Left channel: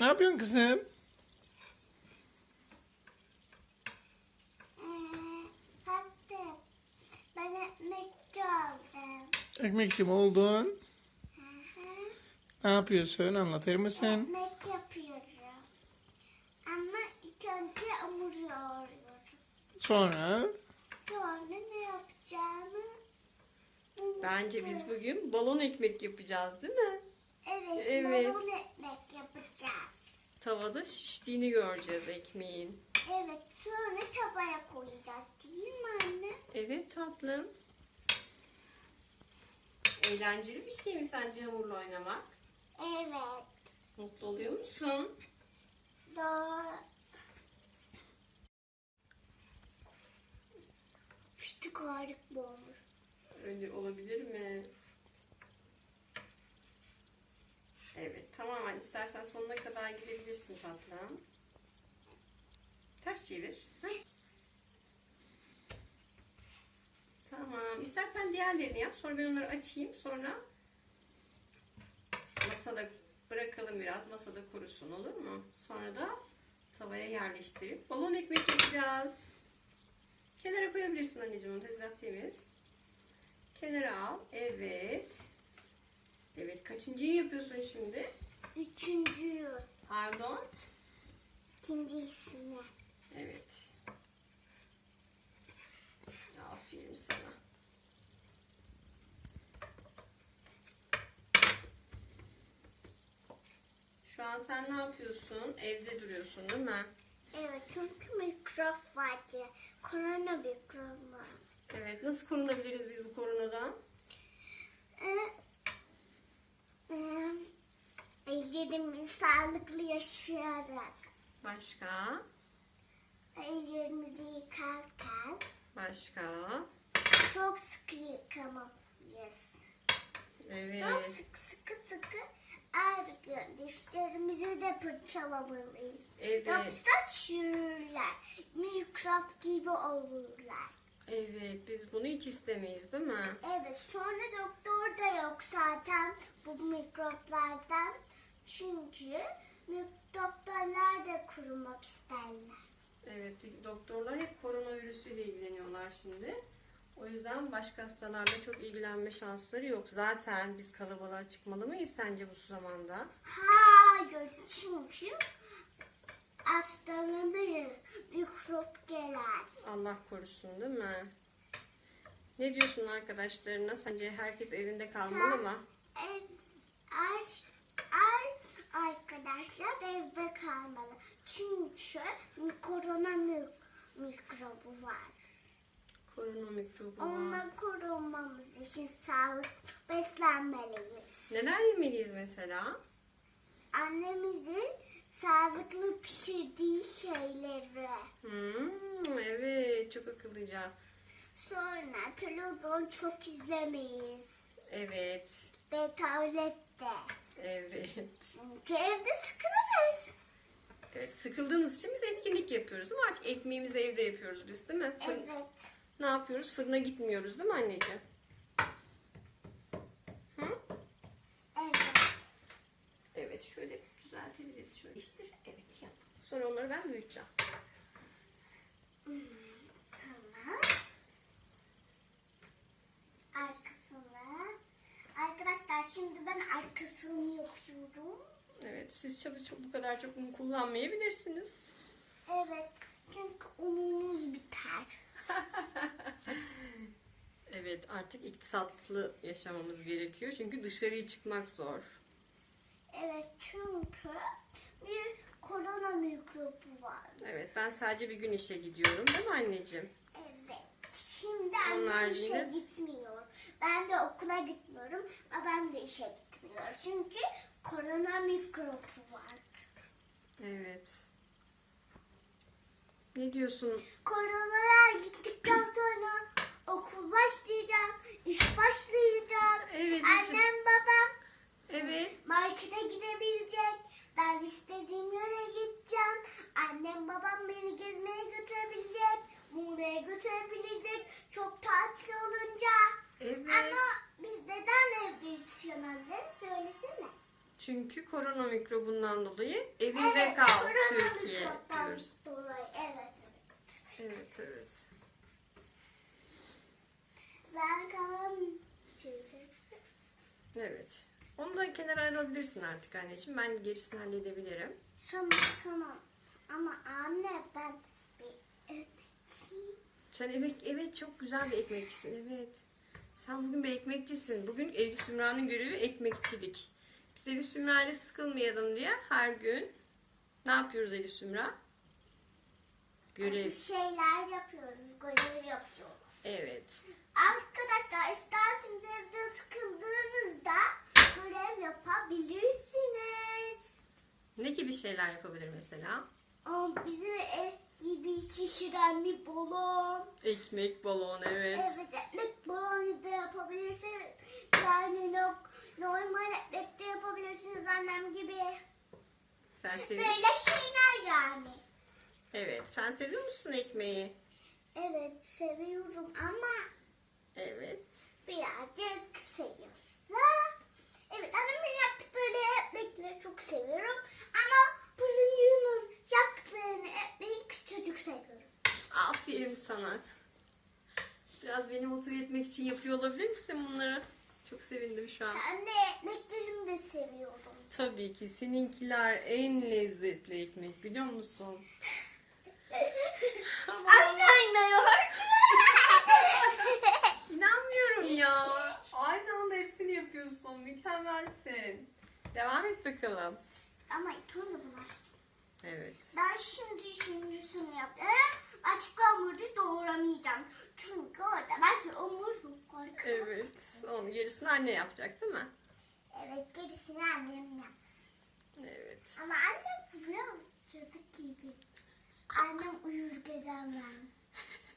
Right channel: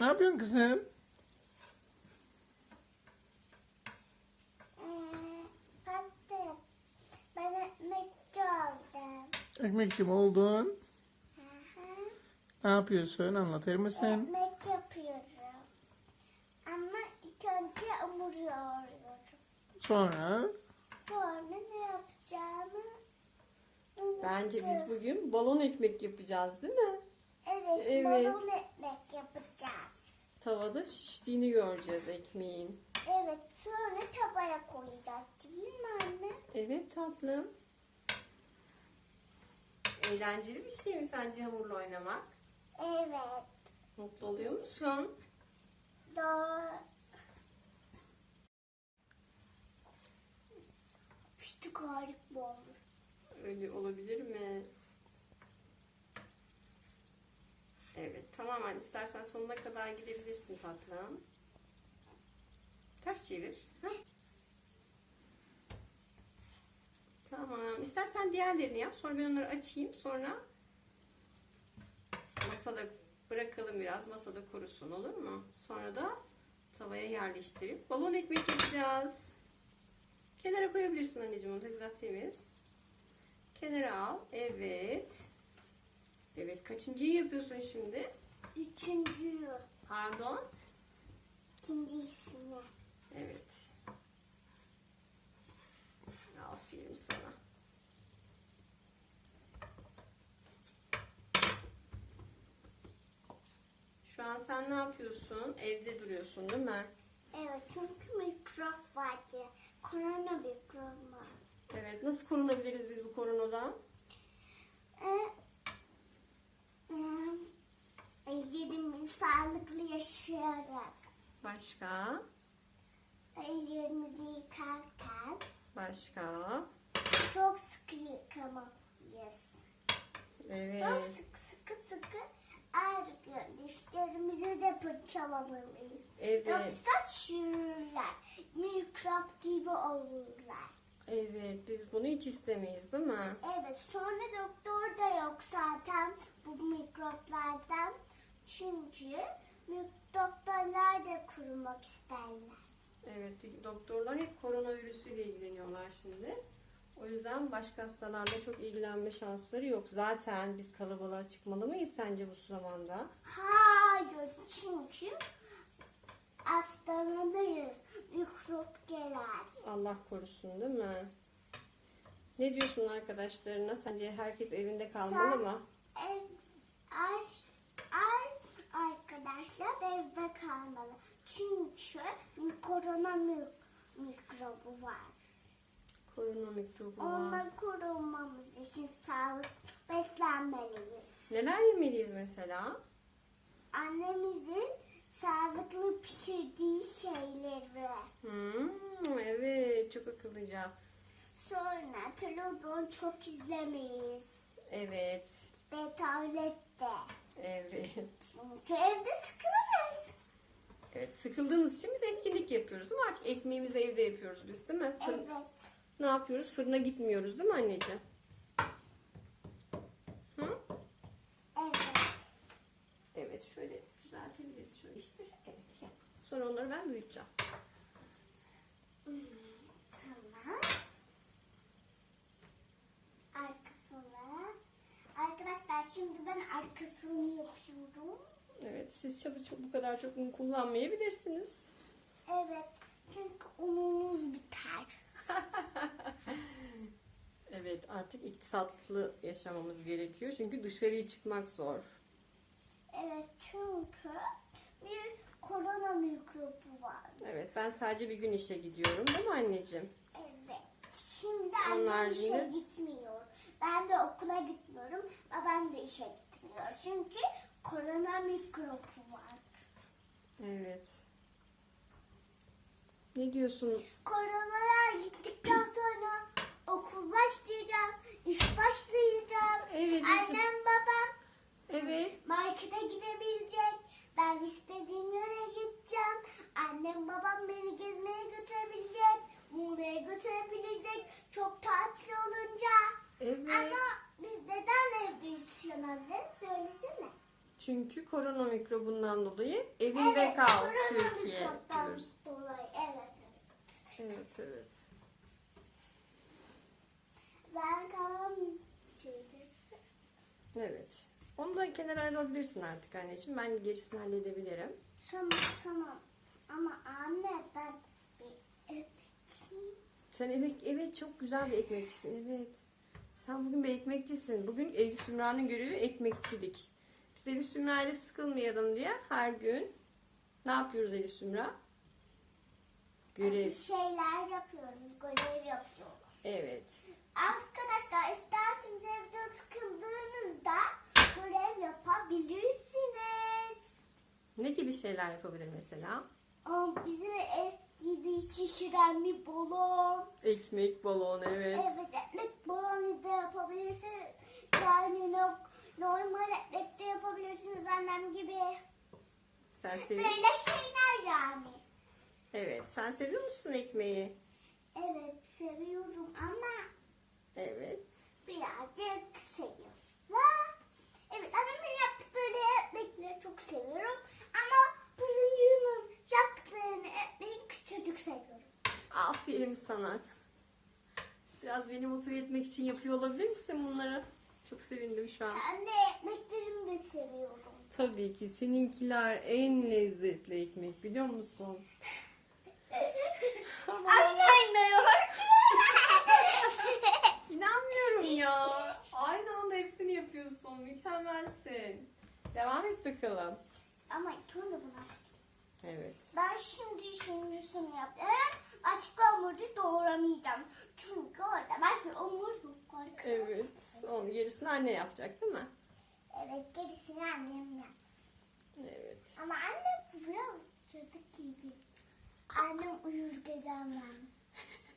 Ne yapıyorsun kızım? Ee, pasta. Ben ekmekçi oldum. Ekmekçi mi oldun? Hı hı. Ne yapıyorsun? Anlatır mısın? Ekmek yapıyorum. Ama ilk önce hamur yoğuruyorum. Sonra Sonra ne yapacağımı Bence biz bugün balon ekmek yapacağız değil mi? Evet, Evet. balon ekmek yapacağız. Tavada şiştiğini göreceğiz ekmeğin. Evet, sonra tabaya koyacağız değil mi anne? Evet tatlım. Eğlenceli bir şey mi sence hamurla oynamak? Evet, Mutlu oluyor musun? doğru. Pislik harika olmuş. Öyle olabilir mi? Evet tamam anne istersen sonuna kadar gidebilirsin tatlım. Ters çevir. Tamam. İstersen diğerlerini yap. Sonra ben onları açayım. Sonra masada bırakalım biraz. Masada kurusun olur mu? Sonra da tavaya yerleştirip balon ekmek yapacağız. Kenara koyabilirsin anneciğim onu. Tezgah temiz. Kenara al. Evet. Evet. Kaçıncıyı yapıyorsun şimdi? Üçüncü, Pardon. ikincisini. Evet. Aferin sana. Şu an sen ne yapıyorsun? Evde duruyorsun değil mi? Evet, çünkü mikrop vardı. Korona mikrop var. Evet. Nasıl korunabiliriz biz bu koronadan? Ellerimizi sağlıklı yaşayarak, Başka? ellerimizi yıkarken Başka? çok sıkı yıkamalıyız. Çok Evet. sıkı sıkı sıkı her gün dişlerimizi de fırçalamalıyız. Evet. Yoksa çürürler, mikrop gibi olurlar. Evet. Biz bunu hiç istemeyiz değil mi? Evet, sonra doktor da yok zaten bu mikroplardan. Çünkü doktorlar da kurumak isterler. Evet, doktorlar hep koronavirüsüyle ilgileniyorlar şimdi. O yüzden başka hastalarla çok ilgilenme şansları yok. Zaten biz kalabalığa çıkmalı mıyız sence bu zamanda? Hayır, çünkü hastalanırız. Mikrop gelir. Allah korusun değil mi? Ne diyorsun arkadaşlarına? Sence herkes evinde kalmalı Sen- mı? Ev, er, arkadaşlar evde kalmalı. Çünkü korona mi- mikrobu var. Korona mikrobu var. Ondan korunmamız için sağlık beslenmeliyiz. Neler yemeliyiz mesela? Annemizin sağlıklı pişirdiği şeyleri. Hmm, evet, çok akıllıca. Sonra televizyon çok izlemeyiz. Evet, Ve tablette. Evet. Evde sıkılırız. Evet, sıkıldığımız için biz etkinlik yapıyoruz ama artık ekmeğimizi evde yapıyoruz biz değil mi? Fırın- Evet. Ne yapıyoruz? Fırına gitmiyoruz değil mi anneciğim? Hı? Evet. Evet şöyle düzeltebiliriz. Şöyle işte evet yap. Sonra onları ben büyüteceğim. Sonra arkasını arkadaşlar şimdi ben arkasını yapıyorum. Evet siz çabuk çok bu kadar çok un kullanmayabilirsiniz. Evet. Çünkü unumuz biter. Evet artık iktisatlı yaşamamız gerekiyor. Çünkü dışarıya çıkmak zor. Evet çünkü bir korona mikrobu var. Evet ben sadece bir gün işe gidiyorum değil mi anneciğim? Evet. Şimdi annem işe gitmiyor. Ben de okula gitmiyorum. Babam da işe gitmiyor. Çünkü korona mikrobu var. Evet. Ne diyorsun? Koronalar gittikten sonra okul başlayacak, iş başlayacak. Evet, işim- Annem babam Evet. markete gidebilecek. Ben istediğim yere gideceğim. Annem babam beni gezmeye götürebilecek. Muğla'ya götürebilecek. Çok tatil olunca. Evet. Ama biz neden evde yaşıyoruz anne? Söylesene. Çünkü korona mikrobundan dolayı evinde Evet, kal Türkiye diyoruz. Dolayı, evet. Evet evet. Ben kalan çocuk. Evet. Onu da kenara alabilirsin artık anneciğim. Ben gerisini halledebilirim. Tamam tamam. Ama anne ben. Sen evet, evet çok güzel bir ekmekçisin evet. Sen bugün bir ekmekçisin. Bugün Elif Sümra'nın görevi ekmekçilik. Biz Elif Sümra ile sıkılmayalım diye her gün ne yapıyoruz Elif Sümra? Görev. Bir şeyler yapıyoruz, görev yapıyoruz. Evet. Arkadaşlar isterseniz evde sıkıldığınızda görev yapabilirsiniz. Ne gibi şeyler yapabilir mesela? Bizim ev gibi şişiren bir balon. Ekmek, balon evet. Evet ekmek balonu da yapabilirsiniz. Yani no- normal ekmek de yapabilirsiniz annem gibi. Sen seviyor Böyle şeyler yani. Evet. Sen seviyor musun ekmeği? Evet seviyorum ama Evet. birazcık seviyorsa. Evet annemin yaptıkları ekmekleri çok seviyorum. Ama Pırıncı'nın yaptıklarını ekmeği küçücük seviyorum. Aferin sana. Biraz beni motive etmek için yapıyor olabilir misin bunları? Çok sevindim şu an. Ben de ekmeklerimi de seviyorum. Tabii ki seninkiler en lezzetli ekmek biliyor musun? Ama Anne inanmıyorum ya. Aynı anda hepsini yapıyorsun. Mükemmelsin. Devam et bakalım. Ama bunu açtım. Evet. Ben şimdi üçüncüsünü yapıyorum. Açık hamuru doğramayacağım. Çünkü orada ben hamur çok korkuyorum. Evet. Onu gerisini anne yapacak değil mi? Evet gerisini annem yapsın. Evet. Ama annem biraz çocuk gibi. Annem uyur gezen ben.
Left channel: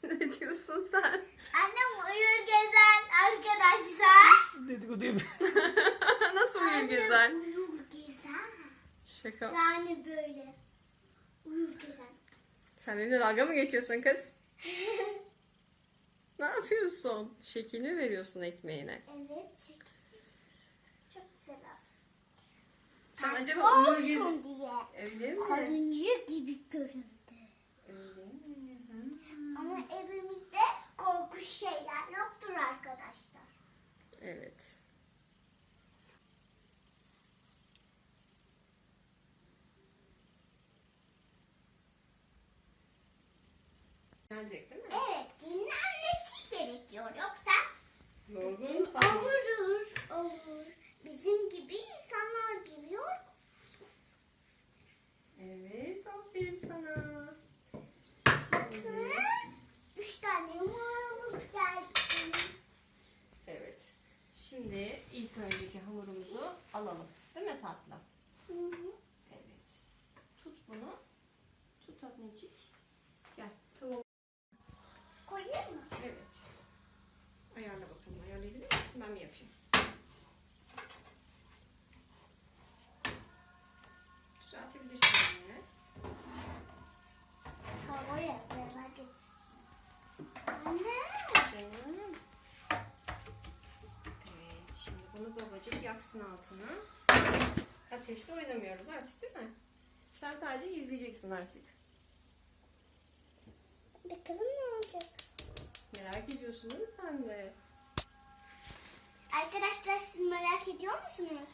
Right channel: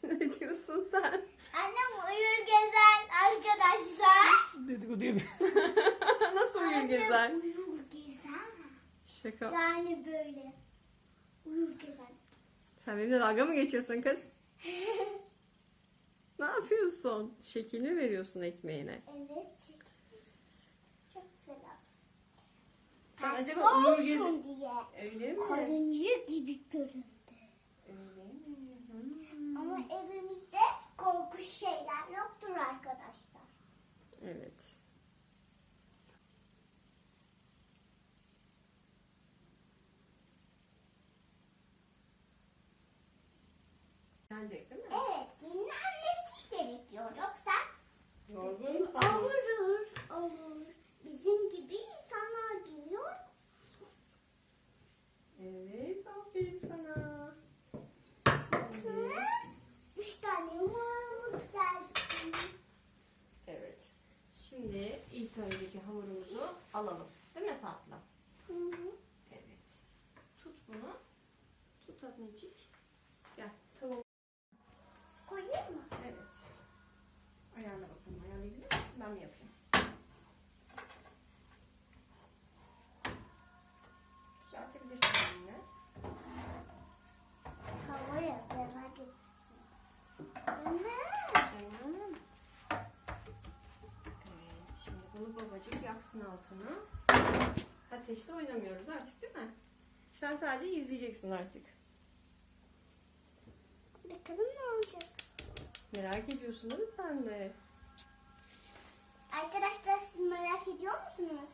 ne diyorsun sen? Annem uyur gezen arkadaşlar. Dedikodu yapıyor. Nasıl uyur gezer? Annem uyur gezen. Şaka. Yani böyle. Uyur. Sen benimle dalga mı geçiyorsun kız? Ne yapıyorsun? Şekilini veriyorsun ekmeğine. Evet. Çok güzel olsun. Sen Tatlı acaba uyur olsun diye. Öyle mi? Karınca gibi göründü. Öyle mi? Hı. Ama evimizde korkunç şeyler yoktur arkadaşlar. Evet. Gelecek değil mi? Evet, dinlenmesi gerekiyor. Yoksa Yorgun olur, olur. Bizim gibi insanlar gibi yorgun. Evet, aferin sana. Bakın, Üç tane yumurtamız geldi. Evet. Şimdi ilk önceki hamurumuzu alalım. Değil mi tatlım? Hı hı. Evet. Tut bunu. Tut annecik. Gel. Tamam. Koyayım mı? Evet. Ayarla bakalım. Ayarlayabilir misin? Ben mi yapayım? Düzeltebilirsin yine. Havaya merak etsin. Anne. Canım. Evet. Şimdi bunu yaksın altına. Ateşte oynamıyoruz artık değil mi? Sen sadece izleyeceksin artık. Bakalım ne olacak. Merak ediyorsun değil mi sen de? Arkadaşlar siz merak ediyor musunuz?